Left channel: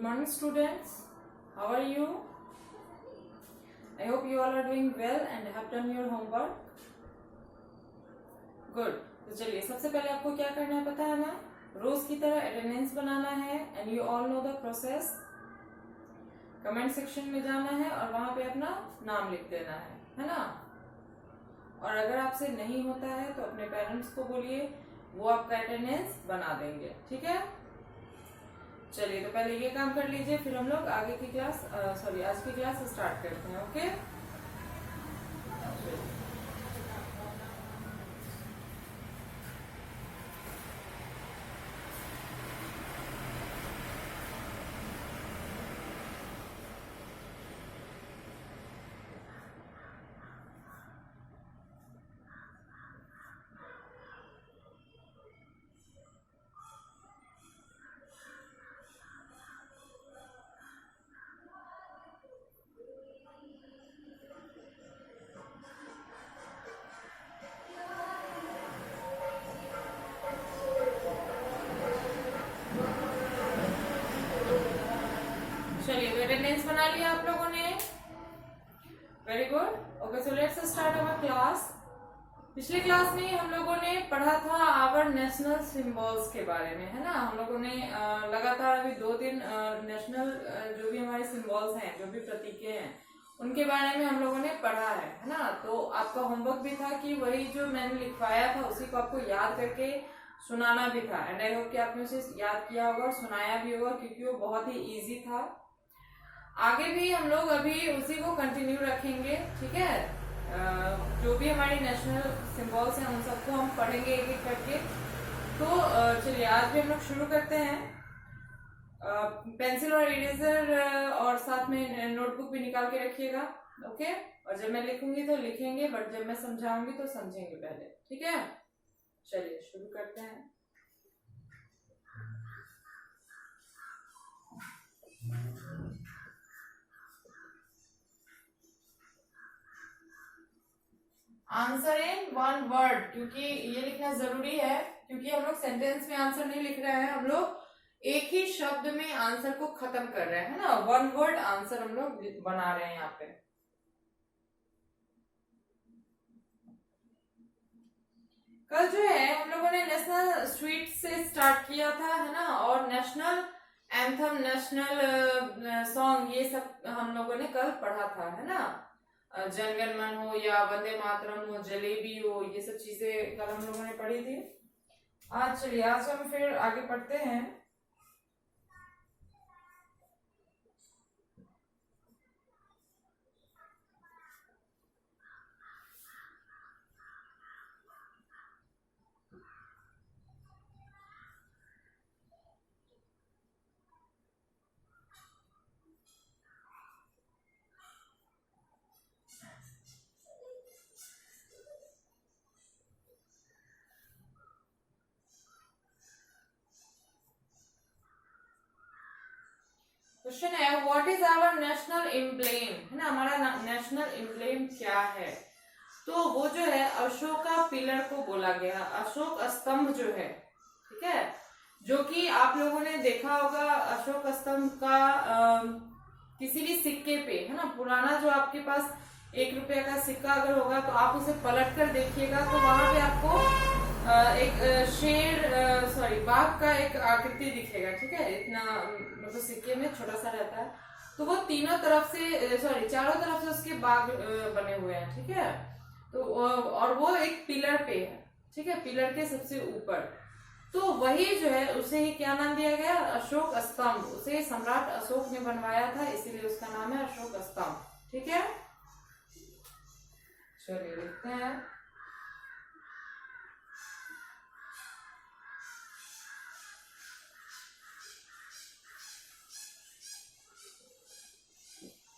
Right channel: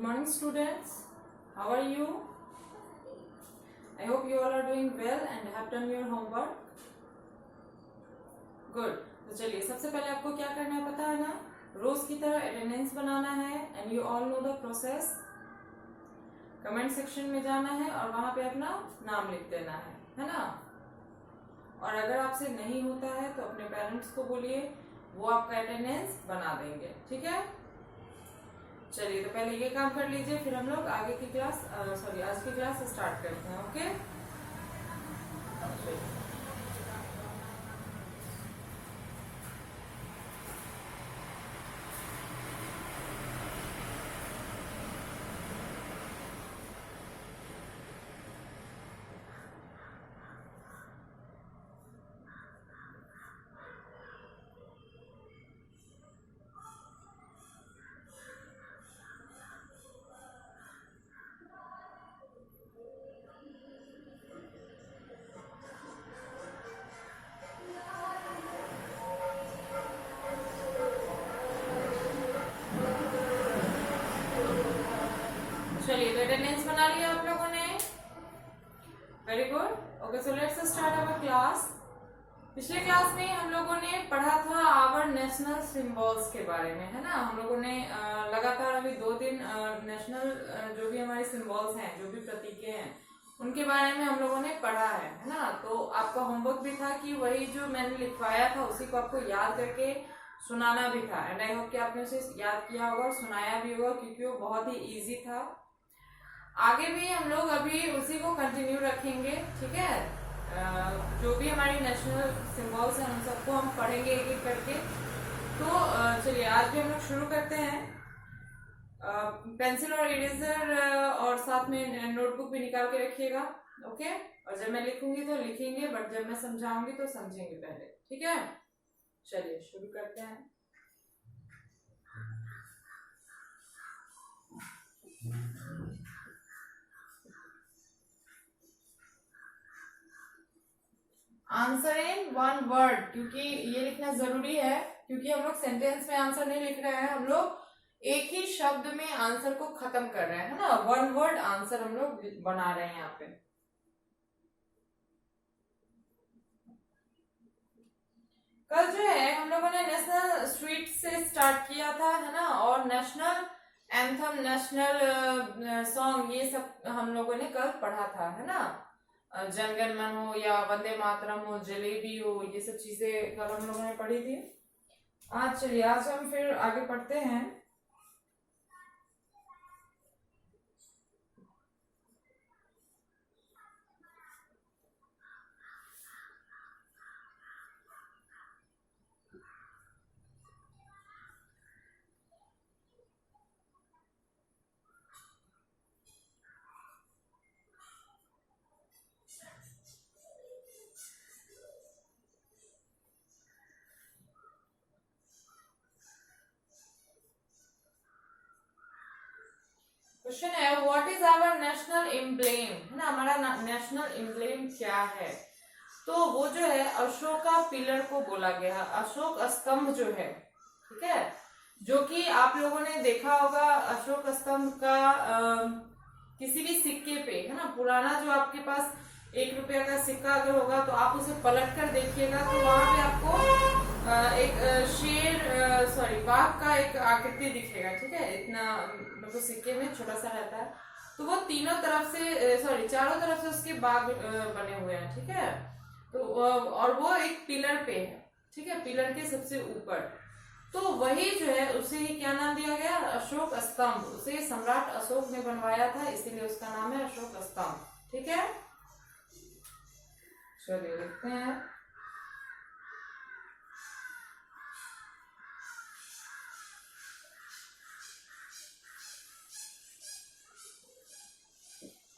Good morning, students. How are you? I hope you all are doing well and have done your homework. Good. तो चलिए सबसे पहले आपको क्या करना है पता है ना, रोज की तरह अटेंडेंस बनाना है and you all know the process. Comment section में जाना है और वहां पे अपना नाम लिख देना है ना. और अगर आपसे नहीं होता है तो अपने पेरेंट्स को बोलिए, वो आपका अटेंडेंस बना देंगे. ठीक है. चलिए तो पहले ये काम कर लीजिए, फिर हम लोग आगे की क्लास आज की क्लास स्टार्ट करते हैं. ओके. चलिए तो अटेंडेंस बना लिया आप लोगों ने. Very good. Okay, so let's start our class. पिछले क्लास में हम लोगों ने पढ़ा था आवर नेशनल सिंबल्स के बारे में, है ना. हम लोगों ने लगातार अभी 2 दिन नेशनल जो भी हमारे सिंबल्स हैं, जो भी प्रतीकें हैं, उनके बारे में हम लोगों ने पढ़ा है ना. तो आपका होमवर्क भी था कि वही जो मैंने लिखवाया था उसी को आपको याद करके सुनाना भी था. एंड आई होप कि आपने उसे याद किया होगा और सुनाया भी होगा, क्योंकि वो बहुत ही ईजी था. आगे भी हम लोग अभी उसी को कंटिन्यू रखेंगे. ठीक है. जो भी हमारी नेशनल सिंबल्स हैं उन सबको हम पढ़ेंगे एक एक करके. तो चलिए आज भी हम लोग शुरू करते हैं. पेंसिल और इरेजर और साथ में नोटबुक भी निकाल के रखिएगा. ओके. और जब मैं लिखूंगी तो लिखेंगे, बट जब मैं समझाऊंगी तो समझेंगे पहले. ठीक है. चलिए शुरू करते हैं. आंसर इन 1 वर्ड, क्योंकि ये लिखना जरूरी है, क्योंकि हम लोग सेंटेंस में आंसर नहीं लिख रहे हैं, हम लोग एक ही शब्द में आंसर को खत्म कर रहे हैं, है ना. 1 वर्ड आंसर हम लोग बना रहे हैं यहाँ पे. कल जो है हम लोगों ने नेशनल स्वीट से स्टार्ट किया था, है ना. और नेशनल एंथम, नेशनल सॉन्ग, ये सब हम लोगों ने कल पढ़ा था, है ना. जनगण मन हो या वंदे मातरम हो, जलेबी हो, ये सब चीजें कल हम लोगों ने पढ़ी थी. आज चलिए आज हम फिर आगे पढ़ते हैं. क्वेश्चन है what is our national emblem, है ना. हमारा नेशनल एम्ब्लेम क्या है. तो वो जो है अशोका पिलर को बोला गया, अशोक स्तंभ जो है. ठीक है. जो कि आप लोगों ने देखा होगा अशोक स्तंभ का किसी भी सिक्के पे, है ना. पुराना जो आपके पास 1 रुपया का सिक्का अगर होगा तो आप उसे पलट कर देखिएगा तो वहां पे आपको एक बाघ का एक आकृति दिखेगा. ठीक है. इतना मतलब सिक्के में छोटा सा रहता है, तो वो तीनों तरफ से चारों तरफ से उसके बाघ बने हुए हैं. ठीक है. तो और वो एक पिलर पे है. ठीक है. पिलर के सबसे ऊपर. तो वही जो है उसे ही क्या नाम दिया गया, अशोक स्तंभ. उसे सम्राट अशोक ने बनवाया था, इसीलिए उसका नाम है अशोक स्तंभ. ठीक है. चलिए लिखते हैं.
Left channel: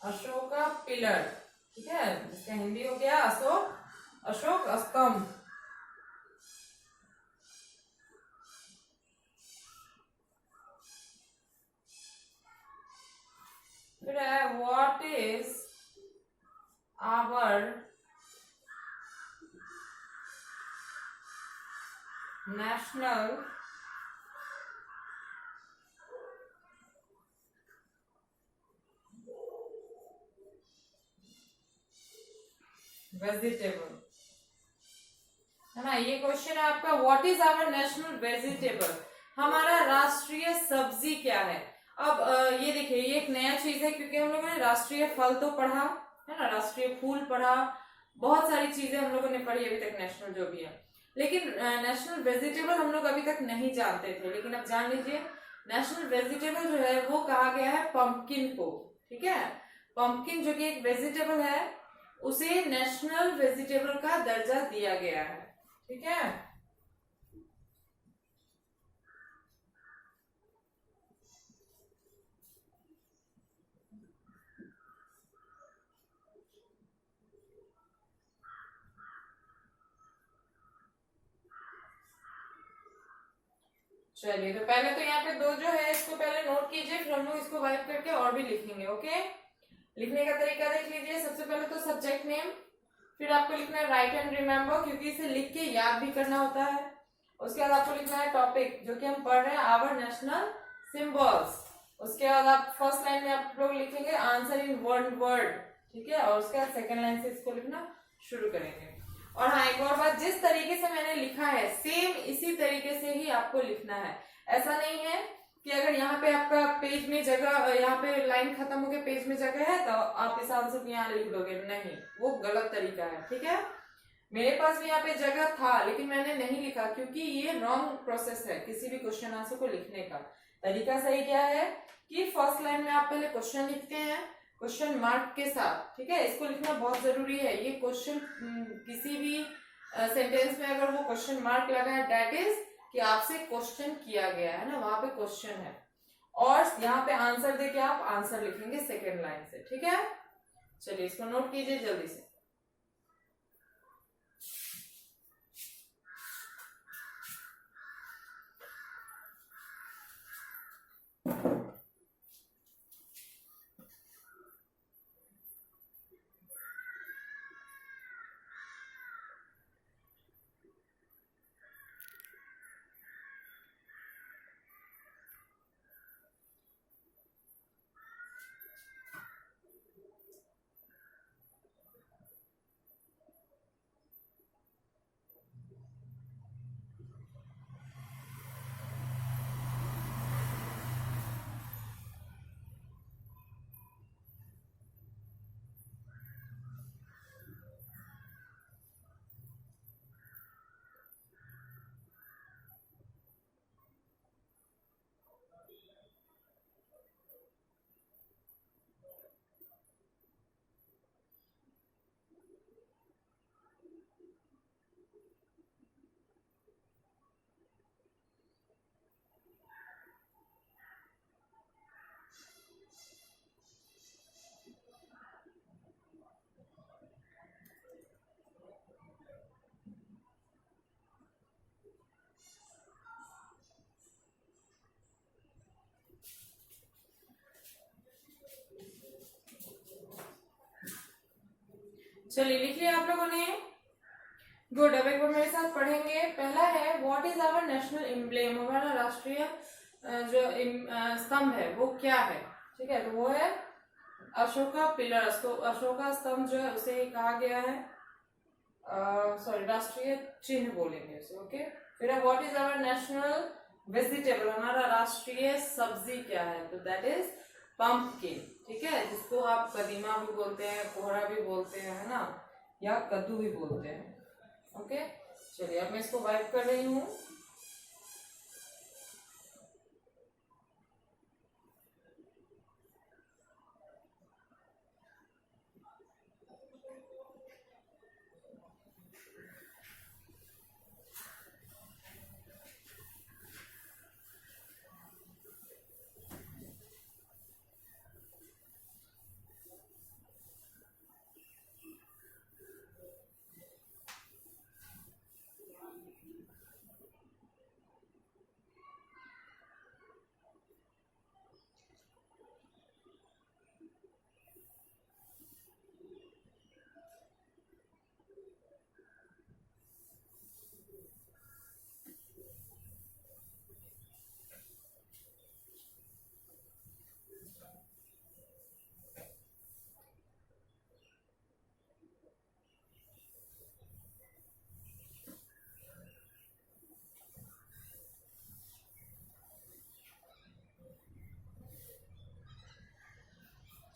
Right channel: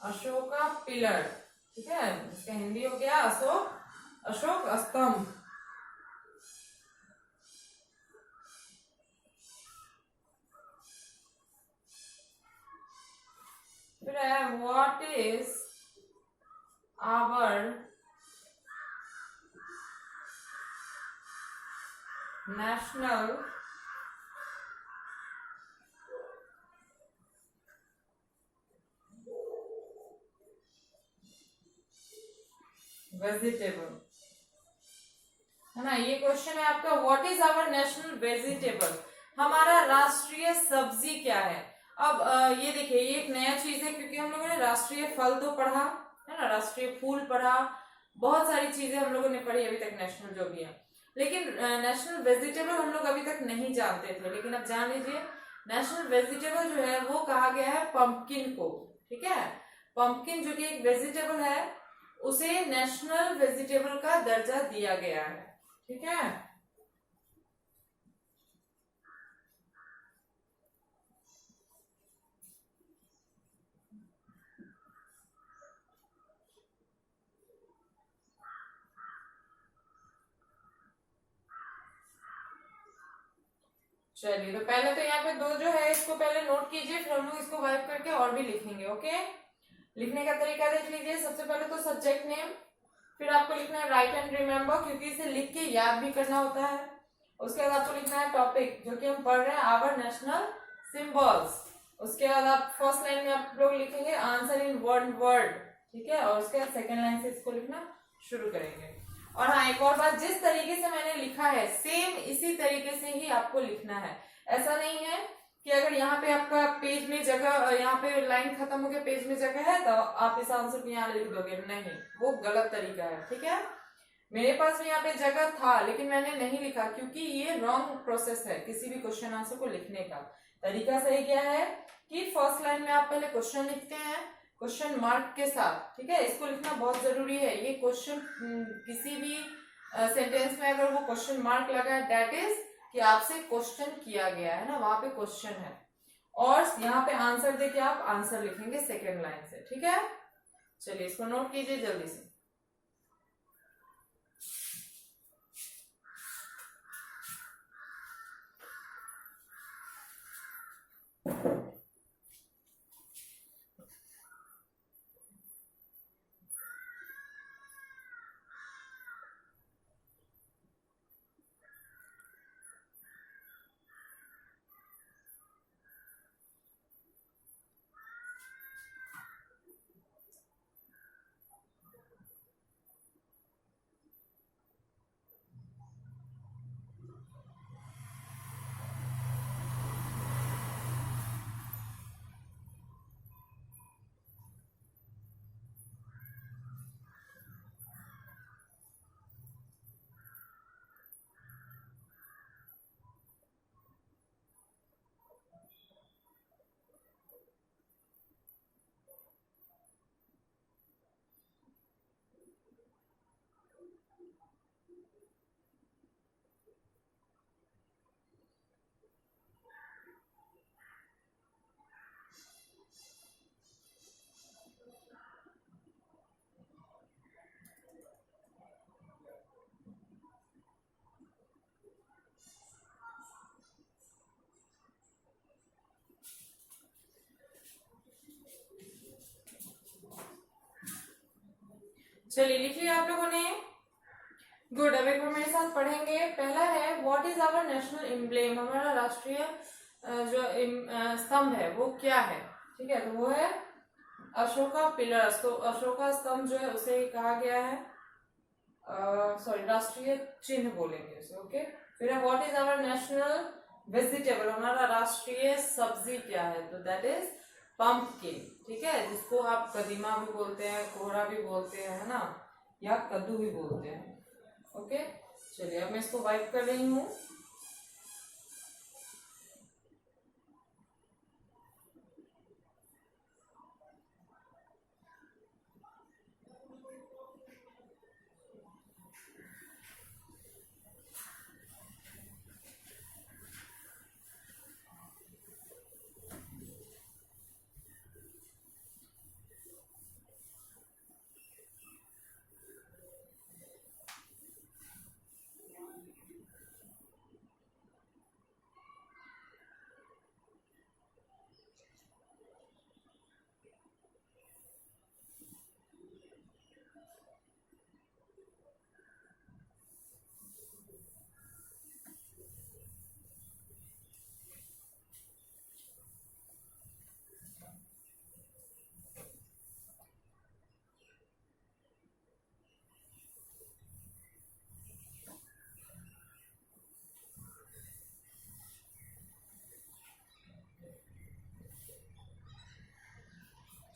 अशोका पिलर. ठीक है. इसका हिंदी हो गया अशोक स्तंभ. फिर है what is our national vegetable, है ना। ये क्वेश्चन है आपका, what is our national vegetable, हमारा राष्ट्रीय सब्जी क्या है। अब ये देखिए, ये एक नया चीज है, क्योंकि हम लोगों ने राष्ट्रीय फल तो पढ़ा है ना, राष्ट्रीय फूल पढ़ा, बहुत सारी चीजें हम लोगों ने पढ़ी अभी तक नेशनल जो भी है, लेकिन नेशनल वेजिटेबल हम लोग अभी तक नहीं जानते थे, लेकिन अब जान लीजिए। नेशनल वेजिटेबल जो है वो कहा गया है पंपकिन को, ठीक है। पंपकिन जो कि एक वेजिटेबल है, उसे नेशनल वेजिटेबल का दर्जा दिया गया है, ठीक है। चलिए, तो पहले तो यहाँ पे दो जो है इसको पहले नोट कीजिए, फिर हम लोग इसको वाइप करके और भी लिखेंगे, ओके। लिखने का तरीका देख लीजिए। सबसे पहले तो सब्जेक्ट नेम, फिर आपको लिखना है राइट एंड रिमेम्बर, क्योंकि इसे लिख के याद भी करना होता है। उसके बाद आपको लिखना है टॉपिक, जो कि हम पढ़ रहे हैं, आवर नेशनल सिंबल्स। उसके बाद आप फर्स्ट लाइन में आप लोग लिखेंगे आंसर इन वन वर्ड, ठीक है। और उसके बाद सेकेंड लाइन से इसको लिखना शुरू करेंगे। और हाँ, एक और बात, जिस तरीके से मैंने लिखा है सेम इसी तरीके से ही आपको लिखना है। ऐसा नहीं है कि अगर यहाँ पे आपका पेज में जगह, यहाँ पे लाइन खत्म हो गया, पेज में जगह है, तो आप इस आंसर को यहाँ लिख दोगे, नहीं, वो गलत तरीका है, ठीक है। मेरे पास भी यहाँ पे जगह था, लेकिन मैंने नहीं लिखा, क्योंकि ये रॉन्ग प्रोसेस है किसी भी क्वेश्चन आंसर को लिखने का। तरीका सही क्या है कि फर्स्ट लाइन में आप पहले क्वेश्चन लिखते हैं क्वेश्चन मार्क के साथ, ठीक है। इसको लिखना बहुत जरूरी है। ये क्वेश्चन किसी भी सेंटेंस में अगर वो क्वेश्चन मार्क लगा है, दैट इज कि आपसे क्वेश्चन किया गया है ना, वहां पे क्वेश्चन है। और यहाँ पे आंसर देके आप आंसर लिखेंगे सेकेंड लाइन से, ठीक है। चलिए, इसको नोट कीजिए जल्दी से। चलिए, लिख लिया आप लोगों ने, गुड। अब एक बार मेरे साथ पढ़ेंगे। पहला है what is our national emblem, हमारा राष्ट्रीय जो स्तंभ है वो क्या है, ठीक है। तो वो है अशोका पिलर। तो अशोका स्तंभ जो है उसे कहा गया है, सॉरी, राष्ट्रीय चिन्ह बोलेंगे उसे, ओके। फिर है what is our national vegetable, हमारा राष्ट्रीय सब्जी क्या है, तो दैट इज पंपकिन, ठीक है, जिसको आप कदीमा भी बोलते हैं, कोहरा भी बोलते हैं, है ना, या कद्दू भी बोलते हैं, ओके। चलिए, अब मैं इसको वाइप कर रही हूँ।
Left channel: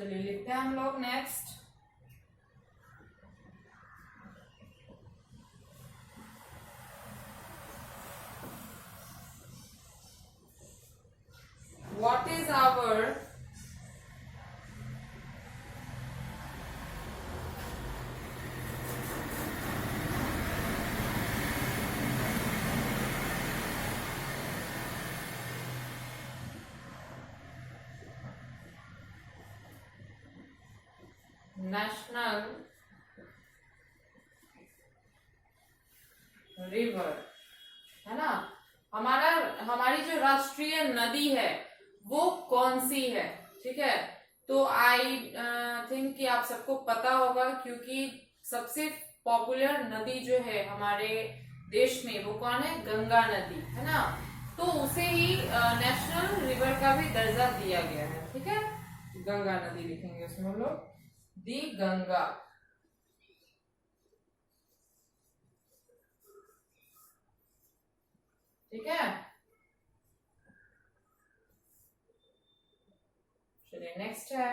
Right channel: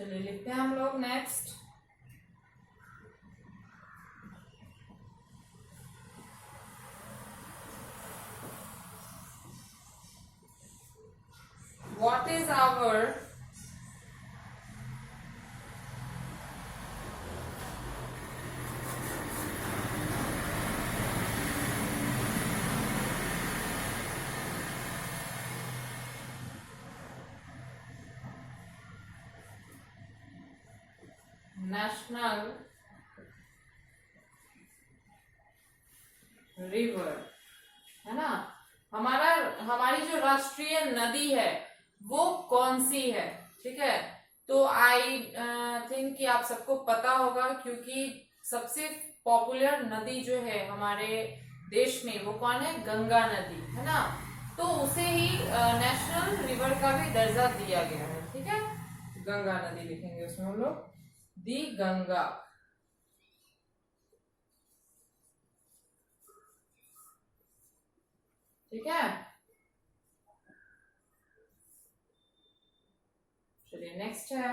चलिए लिखते हैं हम लोग next. What is our national river, है ना? हमारी जो राष्ट्रीय नदी है वो कौन सी है? ठीक है, तो आई थिंक कि आप सबको पता होगा, क्योंकि सबसे पॉपुलर नदी जो है हमारे देश में वो कौन है? गंगा नदी, है ना? तो उसे ही नेशनल रिवर का भी दर्जा दिया गया है। ठीक है, गंगा नदी लिखेंगे उसमें हम लोग, दी गंगा। ठीक है, चलिए नेक्स्ट है,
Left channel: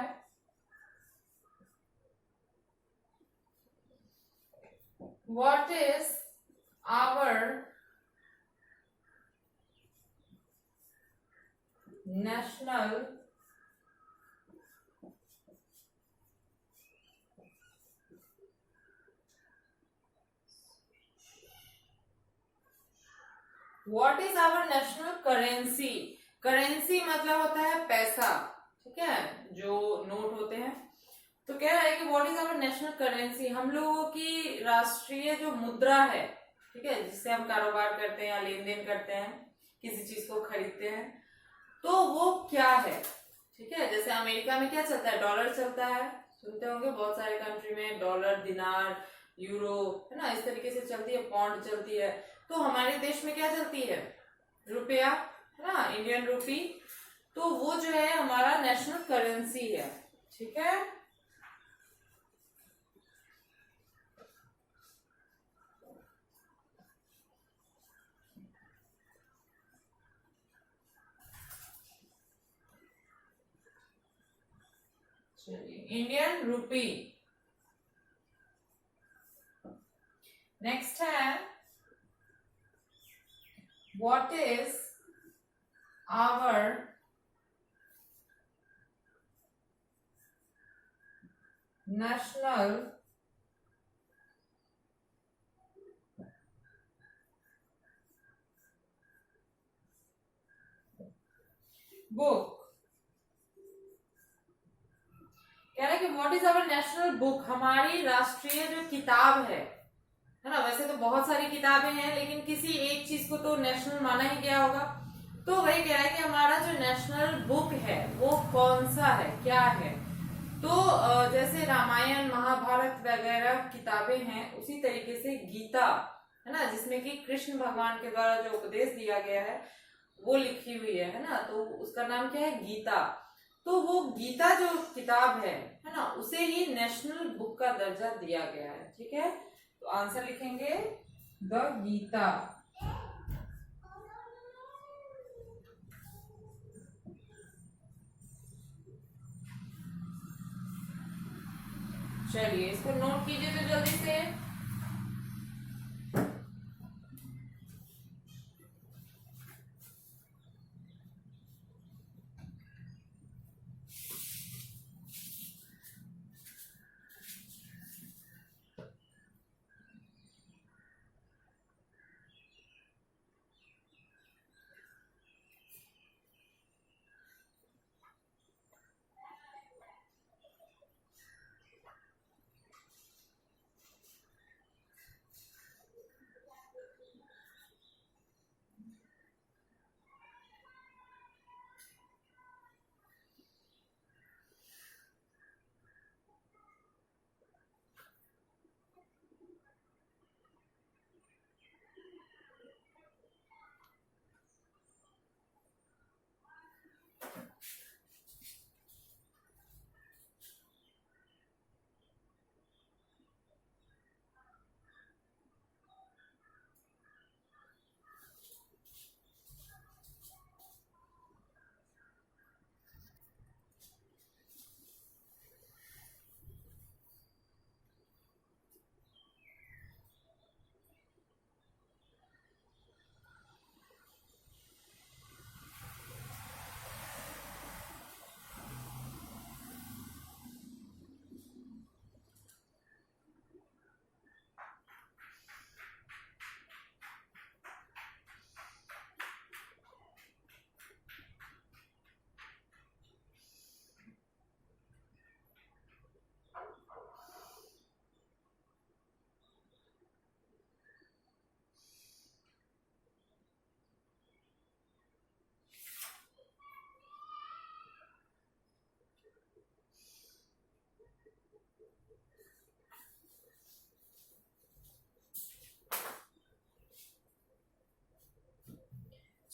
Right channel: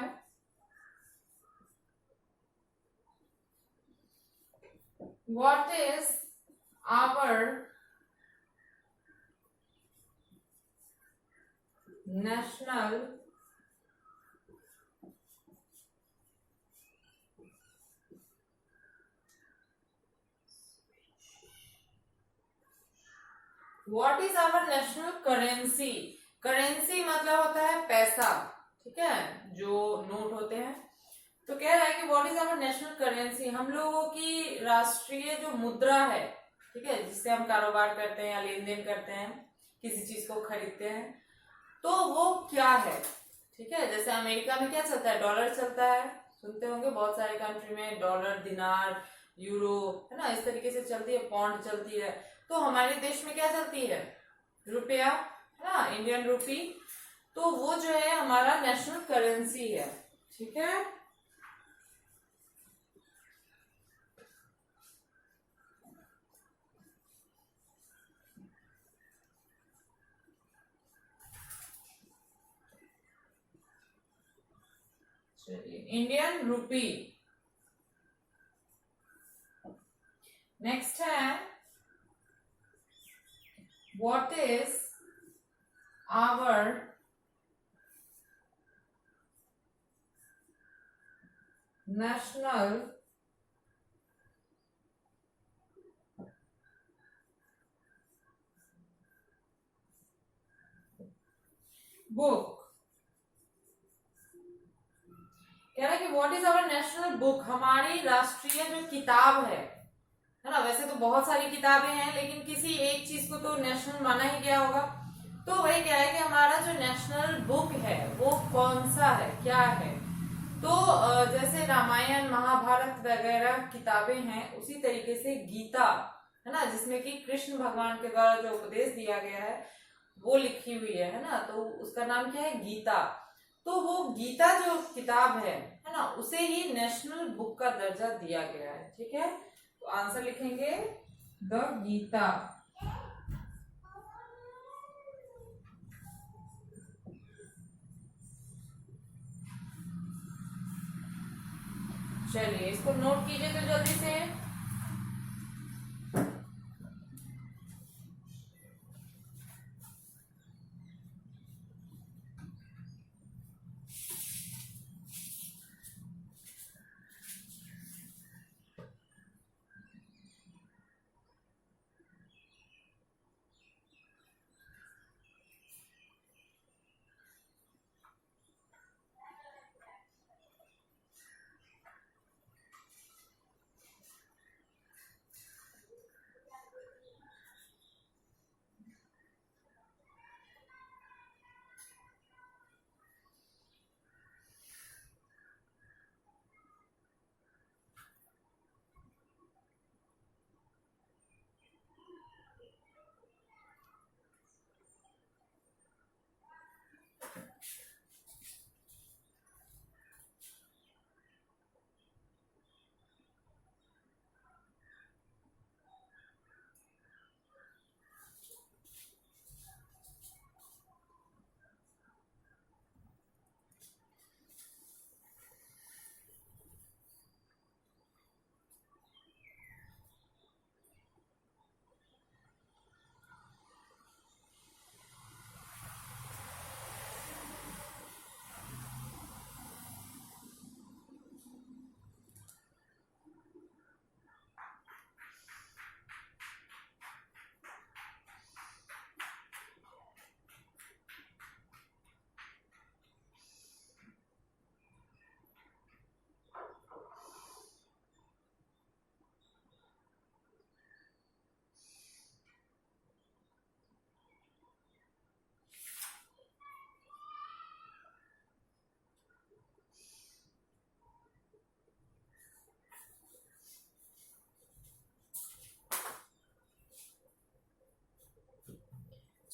what is our national what is our national currency? Currency मतलब होता है पैसा, ठीक है, जो नोट होते हैं। तो कह रहा है कि what is our national currency, हम लोगों की राष्ट्रीय जो मुद्रा है, ठीक है, जिससे हम कारोबार करते हैं या लेन देन करते हैं, किसी चीज को खरीदते हैं, तो वो क्या है? ठीक है, जैसे अमेरिका में क्या चलता है? डॉलर चलता है, सुनते होंगे, बहुत सारे कंट्री में डॉलर, दिनार, यूरो, है ना, इस तरीके से चलती है, पौंड चलती है। तो हमारे देश में क्या चलती है? रुपया, है ना, इंडियन रूपी। तो वो जो है हमारा नेशनल करेंसी है। ठीक है, चलिए, इंडियन रूपी। नेक्स्ट है, what is our national book? कह रहा है कि what is our national book, हमारी राष्ट्रीय जो किताब है ना? वैसे तो बहुत सारी किताबें हैं, लेकिन किसी एक चीज को तो नेशनल माना ही गया होगा। तो वही क्या है कि हमारा जो नेशनल बुक है वो कौन सा है, क्या है? तो जैसे रामायण, महाभारत वगैरह किताबें हैं, उसी तरीके से गीता, है ना, जिसमें कि कृष्ण भगवान के द्वारा जो उपदेश दिया गया है वो लिखी हुई है ना, तो उसका नाम क्या है? गीता। तो वो गीता जो किताब है ना, उसे ही नेशनल बुक का दर्जा दिया गया है। ठीक है, तो आंसर लिखेंगे द गीता। चलिए इसको नोट कीजिए तो जल्दी से।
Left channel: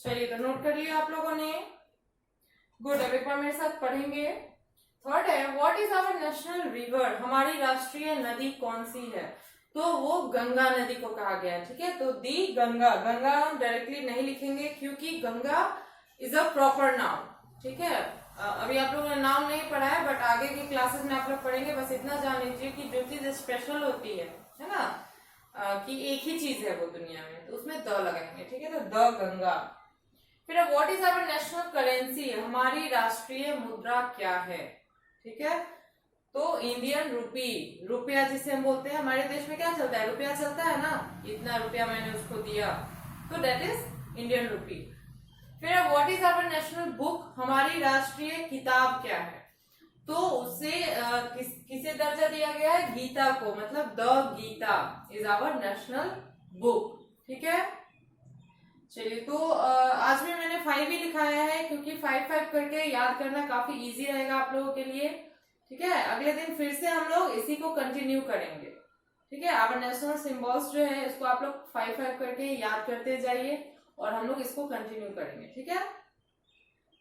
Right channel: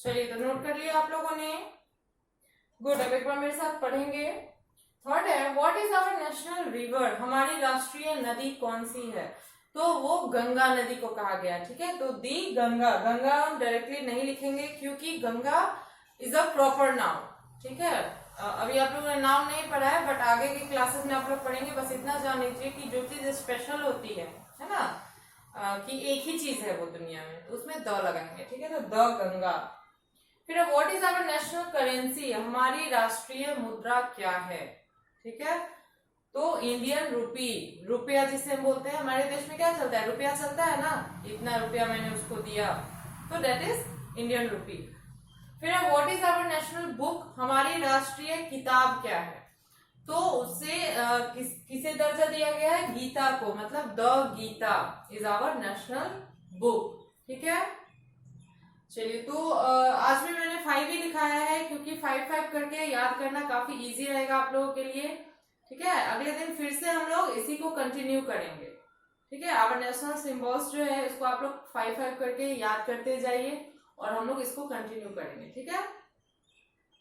चलिए तो नोट कर लिया आप लोगों ने। गुड, अब एक बार मेरे साथ पढ़ेंगे। थर्ड है what is our national river, हमारी राष्ट्रीय नदी कौन सी है? तो वो गंगा नदी को कहा गया है। ठीक है, तो दी गंगा, गंगा हम डायरेक्टली नहीं लिखेंगे क्योंकि Ganga is a proper noun. ठीक है, अभी आप लोगों ने नाम नहीं पढ़ा है, बट आगे की क्लासेस में आप लोग पढ़ेंगे। बस इतना जान लीजिए कि जो चीज स्पेशल होती है ना, कि एक ही चीज है वो दुनिया में, तो उसमें द लगाएंगे। ठीक है, तो द गंगा। फिर what is our national currency, हमारी राष्ट्रीय मुद्रा क्या है? ठीक है, तो इंडियन रुपी, रुपया जिसे हम बोलते हैं, हमारे देश में क्या चलता है? रुपया चलता है ना, इतना रुपया मैंने उसको दिया, तो दैट इज इंडियन रुपी। फिर what is our national book, हमारी राष्ट्रीय किताब क्या है? तो उससे किसे दर्जा दिया गया है? गीता को, मतलब the Gita is our national book. ठीक है, चलिए तो आज भी मैंने 5 ही लिखाया है क्योंकि 5 करके याद करना काफी इजी रहेगा आप लोगों के लिए। ठीक है, अगले दिन फिर से हम लोग इसी को कंटिन्यू करेंगे। ठीक है, आवर नेशनल सिंबल्स जो है इसको आप लोग 5 करके याद करते जाइए और हम लोग इसको कंटिन्यू करेंगे। ठीक है,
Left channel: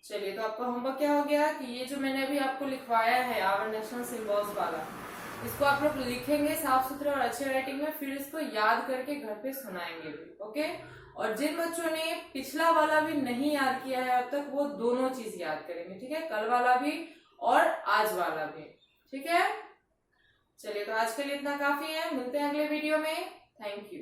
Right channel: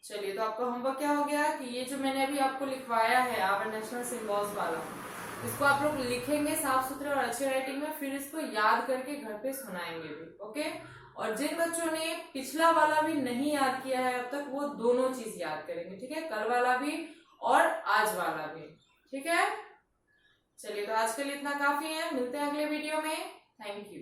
चलिए तो आपका होमवर्क क्या हो गया कि ये जो मैंने अभी आपको लिखवाया है आवर नेशनल सिंबल्स वाला, इसको आप लोग लिखेंगे साफ सुथरे और अच्छे राइटिंग में, फिर इसको याद करके घर पे सुनाएंगे भी। ओके, और जिन बच्चों ने पिछला वाला भी नहीं याद किया है अब तक, वो दोनों चीज याद करेंगे। ठीक है, कल वाला भी और आज वाला भी। ठीक है, चलिए तो आज के लिए इतना काफी है, मिलते हैं अगले वीडियो में। Thank you.